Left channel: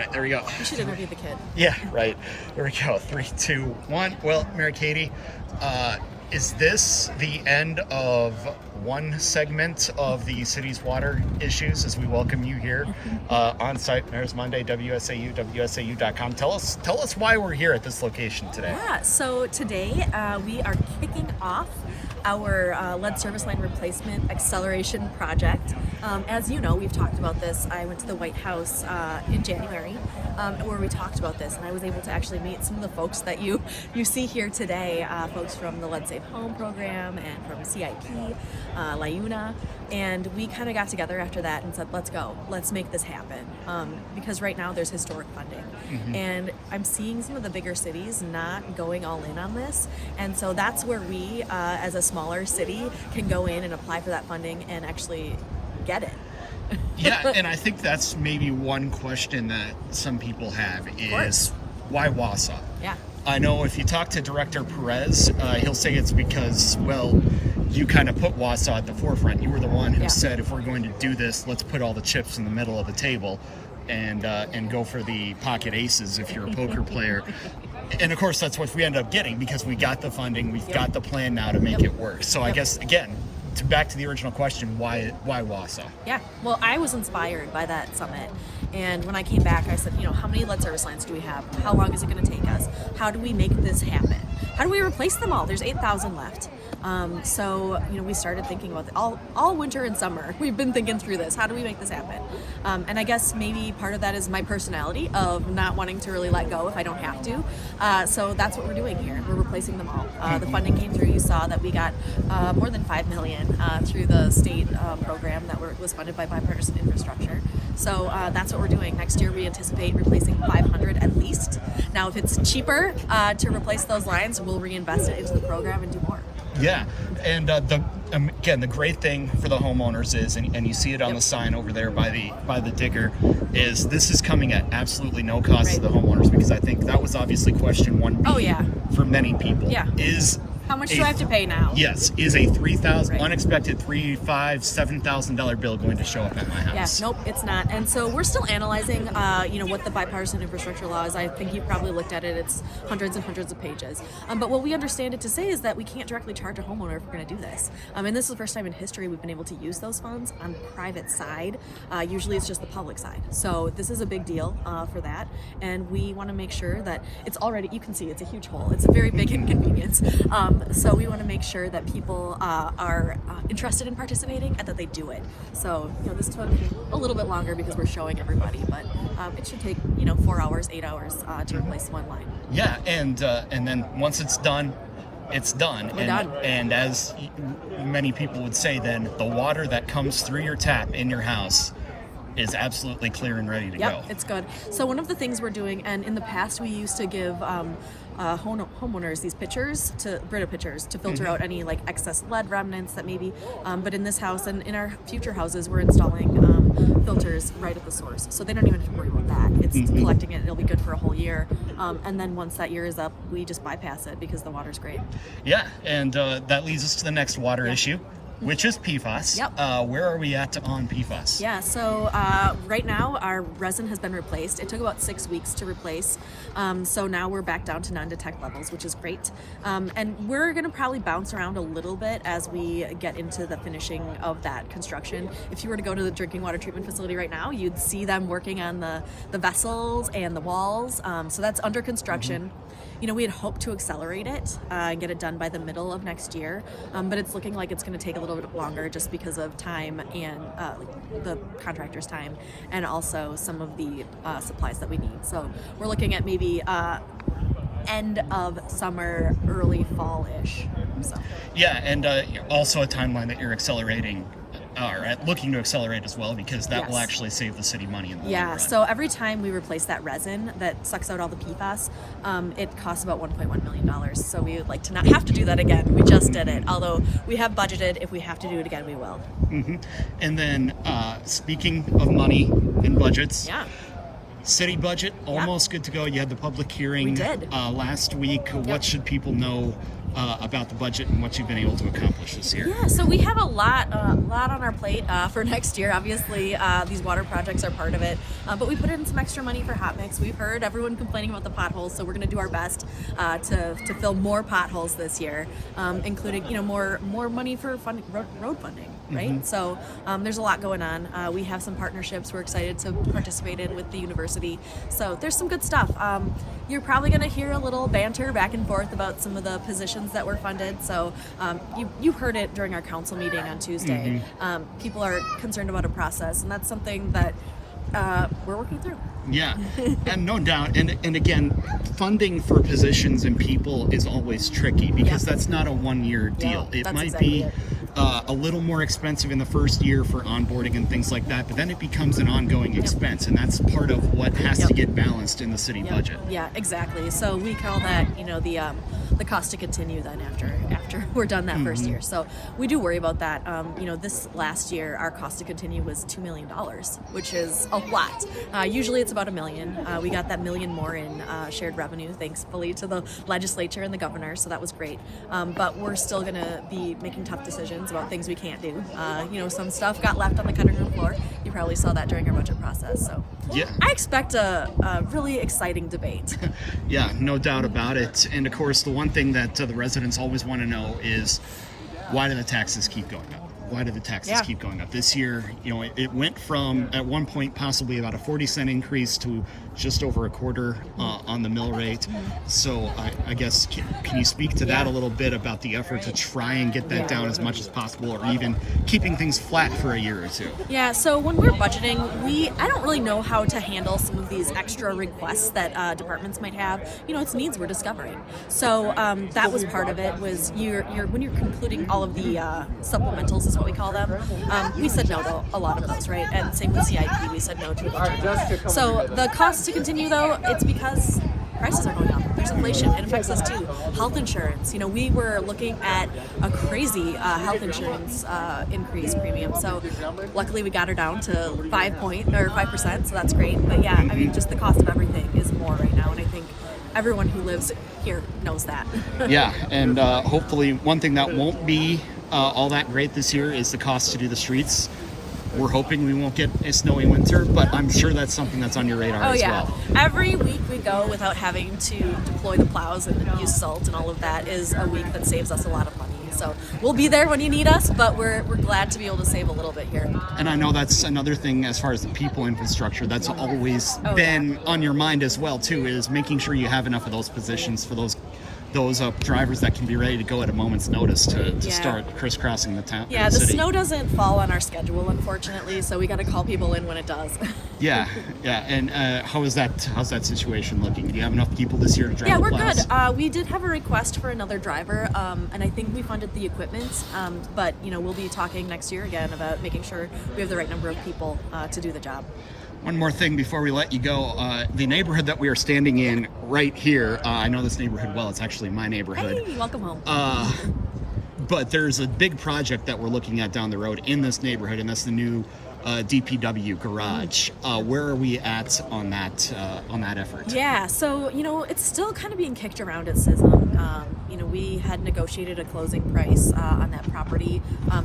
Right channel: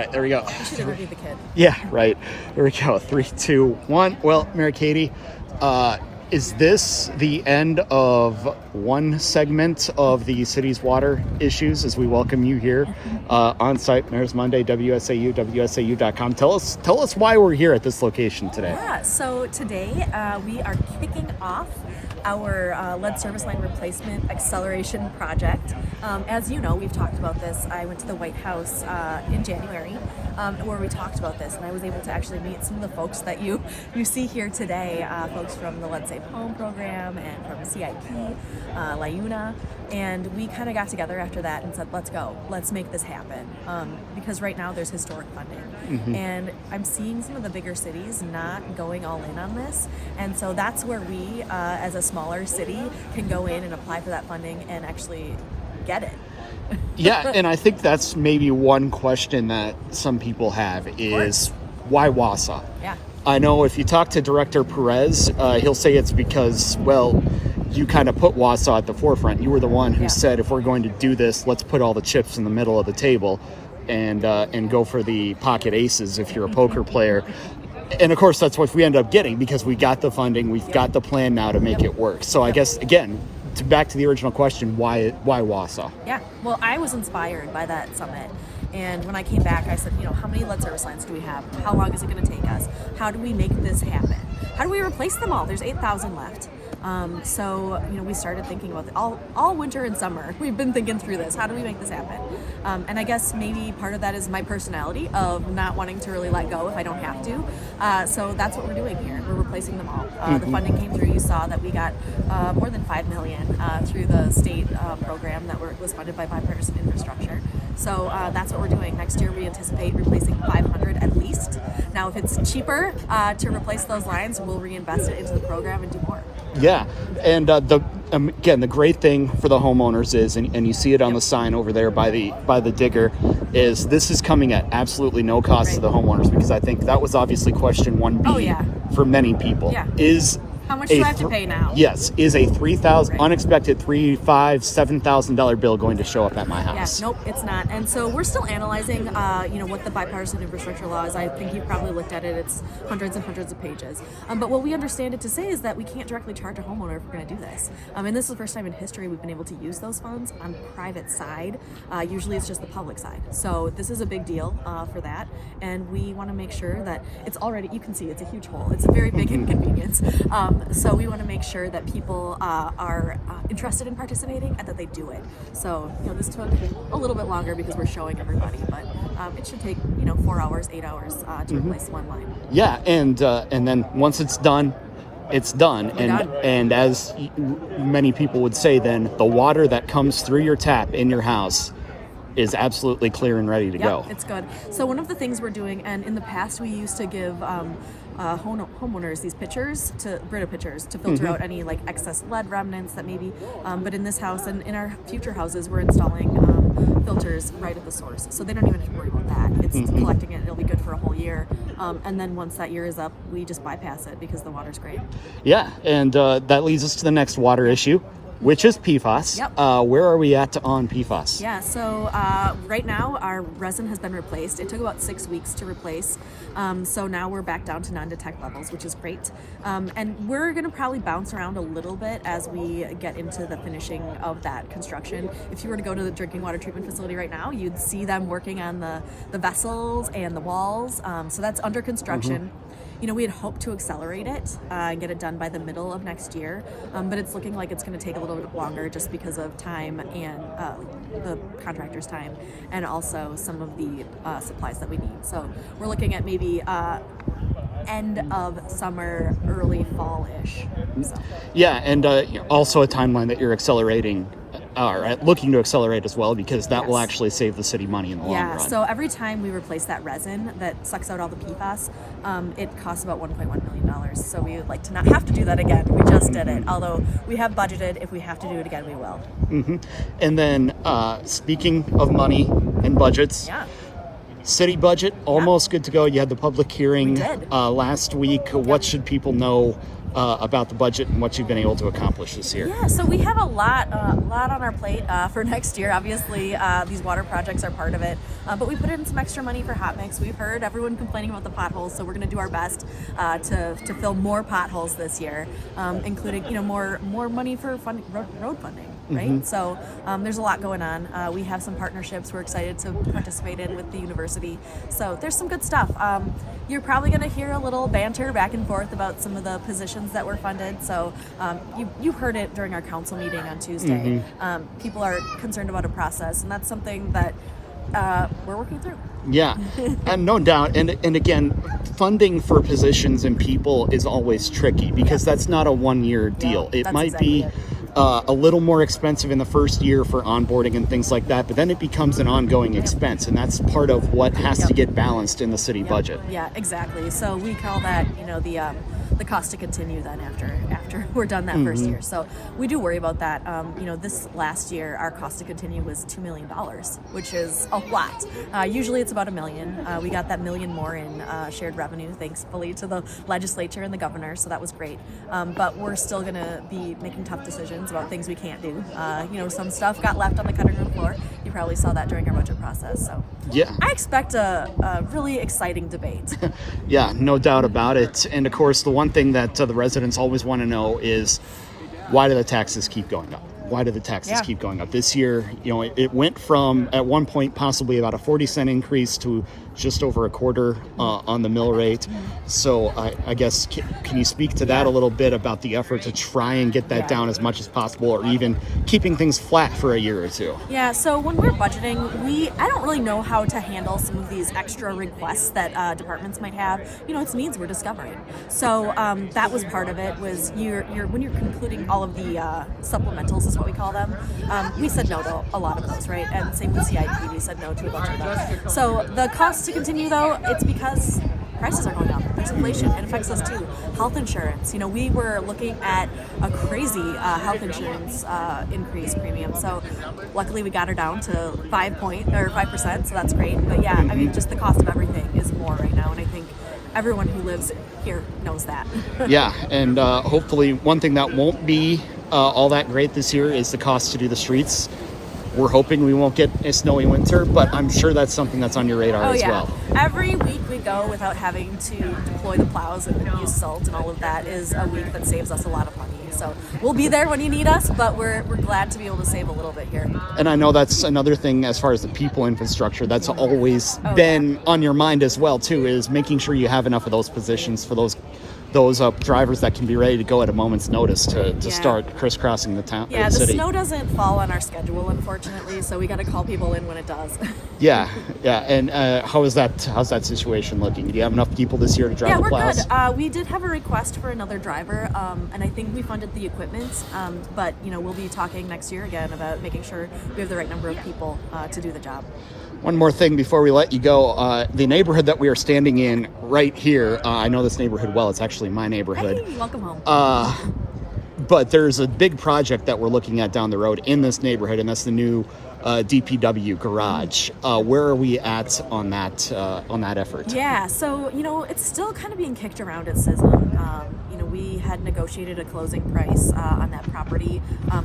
Right, there we go. You should interview the kid. Yeah, right. There we go. 3, 2, 1. Well, Mary Katie, is this the end of one segment of the city's water issues as we welcome you here on site, Mayor's Monday, WSAU, WSAU.com. Tell us why we're here at this location today. Yeah, so today we are kicking off our lead service line replacement acceleration project. As you know, we've talked about this. I went to the White House in January where we talked about this, and I was able to actually meet some of the folks that you see here today, folks from the Lead Safe Home program and from CIP, LIUNA, and we kind of got together after that and said, let's go, let's make this happen, because right now there's historic funding, and I'm seeing some of the bigger cities not going all in on this, and so that's where we, as a smaller city, can go in and apply for that funding and actually get it. Yeah, and I think that's maybe one question that some people have is, why Wausau? Yeah. I know if you talk to Director Perez, he'll say it's because, well, you kind of put Wausau at the forefront. You were the one who said, if we're going to do this, let's put all the chips in the middle of the table and go for the pocket aces if you're a poker player. And of course, that's what we end up getting because we got the funding, we've got the plan now to make it work. So I guess, again, back to the original question, why Wausau? Yeah, well, I was inspired by that summit. And when I came back, I said, how many lead service lines do we have? How long is it going to take us? How do we make this happen? How do we replace them all? There's 8,000 left. So, we started thinking about it all winter and summer. We've been thinking through this. How do we make this happen? And I guess maybe part of that is my personality of not wanting to really let go if I don't have to. So that's what we're doing here. We're replacing them all. The funding came through. You saw that we got more than $5 million through the state program that was funded by bipartisan infrastructure. So that's what we're doing. Next year we anticipate replacing 500 at least. Now if it's cheaper to replace those lines, we'll reinvest it into the program and do more. Yeah, and again, the great thing for the homeowners is, and you see it on the sign over there by the digger, is this is coming at absolutely no cost to the homeowners, because I think that was obviously question 1B for many people. Yeah. How much do I have to pay now? Yes. Is a unexpected $3,000, $5,000, $7,000 bill going to show up at my house? Yeah, nope, it's not. And so we're still analyzing, what the bipartisan infrastructure law is. I think you've probably looked at it. It's hundreds and hundreds of pages. But what we understand it to say is that we can't directly charge a homeowner if we're going to do this. And this is the first time in history we've been able to use those funds on private side. Usually it's just the public side. So this is a big deal for that. And we want to make sure that it's already, you can see it's a huge hole. It's a very big inconvenience. So we want to make sure that people are interested in participating and that they do it. So, this took a little bit longer because we're showing everybody, but it should take, 4 hours, 8 hours to replace one line. Yeah, and then once it's done, it's done. We're done. And as many people would say, then the water that comes through your tap in your house is absolutely clear and ready to go. It's good. So one of the things we're doing, and in the past we used to give homeowners these Brita pitchers to filter out any excess lead remnants that maybe, but in this house and in our future houses, we're installing filters right at the source. So they don't even have to worry about that. It's collecting it. It'll be good for a whole year. And then once that year is up, we just bypass it because the water's great. Yeah. And that leads us to the next water issue, which is PFAS. Yep. Where are we at on PFAS? Yeah, so right now our resin has been replaced. It took about 6 weeks to replace. So now we're back down to non-detect levels, which is great. And we're gonna probably bounce around a little bit as we get into the finishing of that construction. If you were to go to the drinking water treatment facility right now, you'd see them working on the vessels and the walls. So that's under construction. We had hoped to accelerate it and get it done by the middle of next year, but it's looking like it's going to take a little bit longer just because of time and the contractor's time, and also some of the supplies that we need. So we're looking at maybe end of summer, early fall-ish. So. Yeah, and also a timeline that you're accelerating, or looking to accelerate as well, because that will actually save the city money in the long run. Yeah, so every time we replace that resin that sucks out all the PFAS, it costs about $1.1 million. So we would like to not have to do that again. We just did it, although we have budgeted. If we have to do it again, we will. And then speaking of money and budgets, city budget almost good to go. You had the public hearing last week. What should people know about the budget and what you've been able to accomplish this year. Yeah, so we have a lot on our plate for next year. Obviously, these water projects are part of it, but we put in some extra money for hot mix. We've heard everyone complaining about the potholes, so we're going to do our best to fill more potholes this year, including more money for road funding. Right, so there's a lot going on. We have some partnerships we're excited to participate in with the university. So there's some good stuff. You're probably going to hear a little banter back and forth about some of the positions that were funded. So you heard it during our council meeting on Tuesday. People are concerned about a process, and that's something that we're working through. Yeah, and no doubt. And again, funding for positions and people is always tricky because that's not a one-year deal. It might be a little more expensive in the first year for onboarding and things like that, but then it becomes an ongoing expense, and that's part of what has to get balanced in the city budget. Yeah, exactly. So we call that, the cost to continue then after we're done that first year. So we do worry about that. This last year, our cost to continue was $2 million, which is a lot. Usually it's about $1 million. We got that $1 million more in shared revenue, thankfully, to the legislature and the governor. So that was great. But we're still going to be making tough decisions about things we can't do. Some stuff got left on the cutting room floor. You probably saw that during our budget process. So yeah, I expect a really exciting debate. Yeah, no doubt about it. And of course, the one thing that the residents always want to know is, why do the taxes keep going up? Why do the taxes keep going up? This year, it went from, at one point, possibly about a 40-cent increase to just over a quarter on the mill rate. So I guess, can you speak to that a little bit about the effort to try and get that down as much as possible, or even keeping things flat for a year or two? Yeah, so when we're budgeting, I don't really know how to handle some of these extra requests that departments might have. It's needs we're discovering. So that was part of it, was when you're concluding all of the supplementals, is what we call them. We said no to a lot of those, right? And same with CIP, we said no to a bunch of them. So the cost to continue, though, it's because prices are going up. There's inflation. It affects us too. Health insurance. We were looking at a crazy health insurance increase premium. So luckily we got her down to 5%, so that's great. But yeah, just the cost of everything is more right now, and I think everyone who lives here knows that. Yeah, and hopefully one thing that won't be all that great this year is the cost to do the streets. We're hoping we won't get a snowy winter, but I'm sure that's something that's on your radar as well. Every week we go without having to deploy the plows and use salt and all of that is a week that saves us a lot of money. So we'll be there when you need us, but we're glad to be able to save a little bit here. And I know that's another thing as far as the people infrastructure, that's always been on your mind as well too, is making sure you have enough of those positions for those drivers that can be ready to go at a moment's notice to start crisscrossing the town. Yeah, the the city. snow doesn't fall on our schedule, unfortunately, so we got to call people in when it does. Yeah. And how's that situation looking? Do you have enough people this year to drive the plows? Yeah, we're good. We did have a request for another driver, and I think we funded the equipment, but we'll be talking next year again about making sure we have the right number of people to do the job. One more thing before we let you go. The neighborhood that we are standing in right here, I know this neighborhood well. It's actually my neighborhood. Hey, welcome home. But there's a big project that we're looking at down the road in this neighborhood, and that's the new DPW garage. Where are we at on that effort? Yeah, so it's still kind of being kicked around at CISM. We had negotiated a closing price on that property.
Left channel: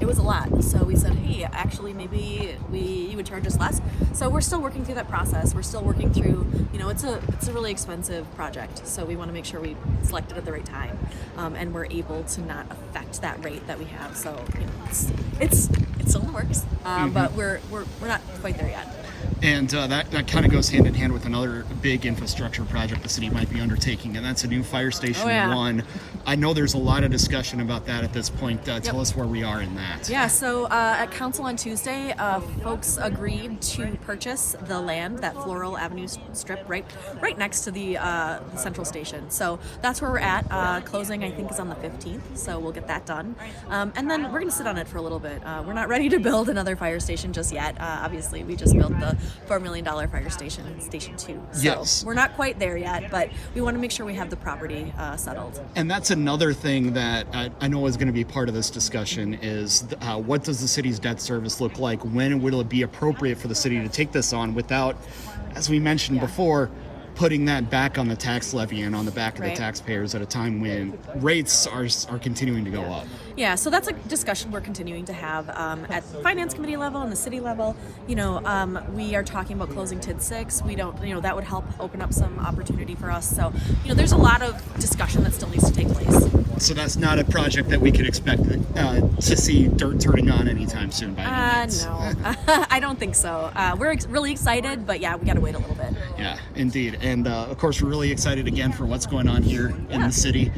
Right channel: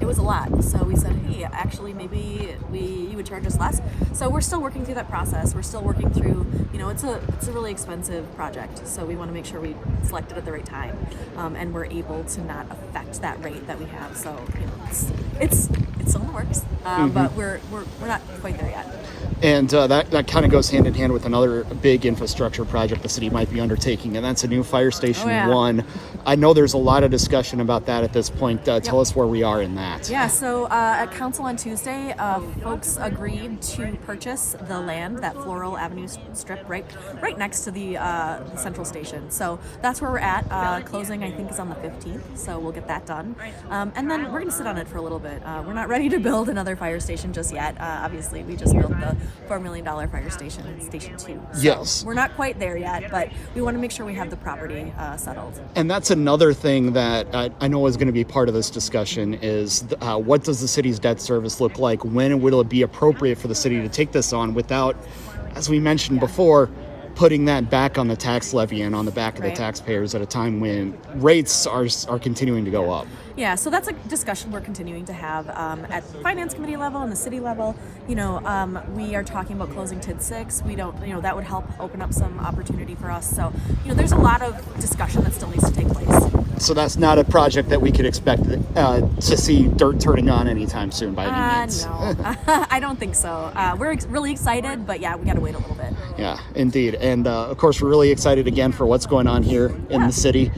It was a lot, so we said, hey, actually maybe you would charge us less. So we're still working through that process. We're still working through, it's a really expensive project, so we want to make sure we select it at the right time, and we're able to not affect that rate that we have. So it's still in the works, but we're not quite there yet. And that kind of goes hand in hand with another big infrastructure project the city might be undertaking, and that's a new fire station 1. I know there's a lot of discussion about that at this point. Tell us where we are in that. Yeah, so at council on Tuesday, folks agreed to purchase the land, that Floral Avenue strip right next to the central station. So that's where we're at. Closing, I think, is on the 15th, so we'll get that done. And then we're going to sit on it for a little bit. We're not ready to build another fire station just yet. Obviously, we just built the $4 million fire station in Station 2. So yes. We're not quite there yet, but we want to make sure we have the property settled. And that's another thing that I know is going to be part of this discussion is what does the city's debt service look like? When will it be appropriate for the city to take this on without, as we mentioned before, putting that back on the tax levy and on the back of the taxpayers at a time when rates are continuing to go up. Yeah, so that's a discussion we're continuing to have at the finance committee level and the city level. We are talking about closing TID 6. We don't, that would help open up some opportunity for us. So, there's a lot of discussion that still needs to take place. So that's not a project that we could expect to see dirt turning on anytime soon by any means. No, I don't think so. We're really excited, but yeah, we got to wait a little bit. Yeah, indeed. And of course, we're really excited again for what's going on here in the city.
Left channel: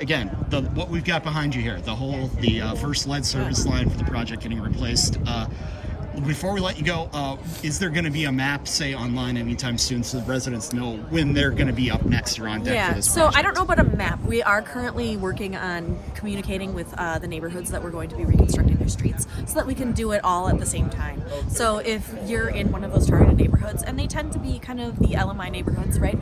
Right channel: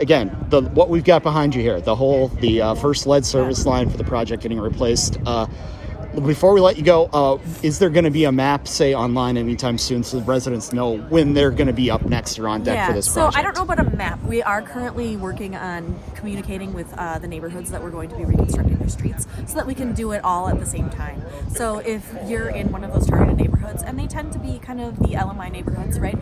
Again, what we've got behind you here, the first lead service line for the project getting replaced. Before we let you go, is there going to be a map, say, online anytime soon so the residents know when they're going to be up next or on deck for this project? So I don't know about a map. We are currently working on communicating with the neighborhoods that we're going to be reconstructing their streets so that we can do it all at the same time. So if you're in one of those targeted neighborhoods, and they tend to be kind of the LMI neighborhoods, right?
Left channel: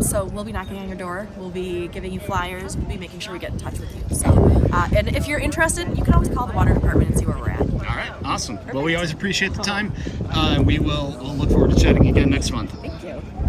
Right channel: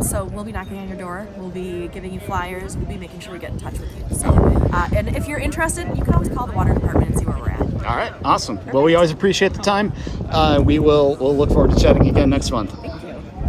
So we'll be knocking on your door. We'll be giving you flyers. We'll be making sure we get in touch with you. So, and if you're interested, you can always call the water department and see where we're at. All right, awesome. Perfect. Well, we always appreciate the time. We'll look forward to chatting again next month. Thank you.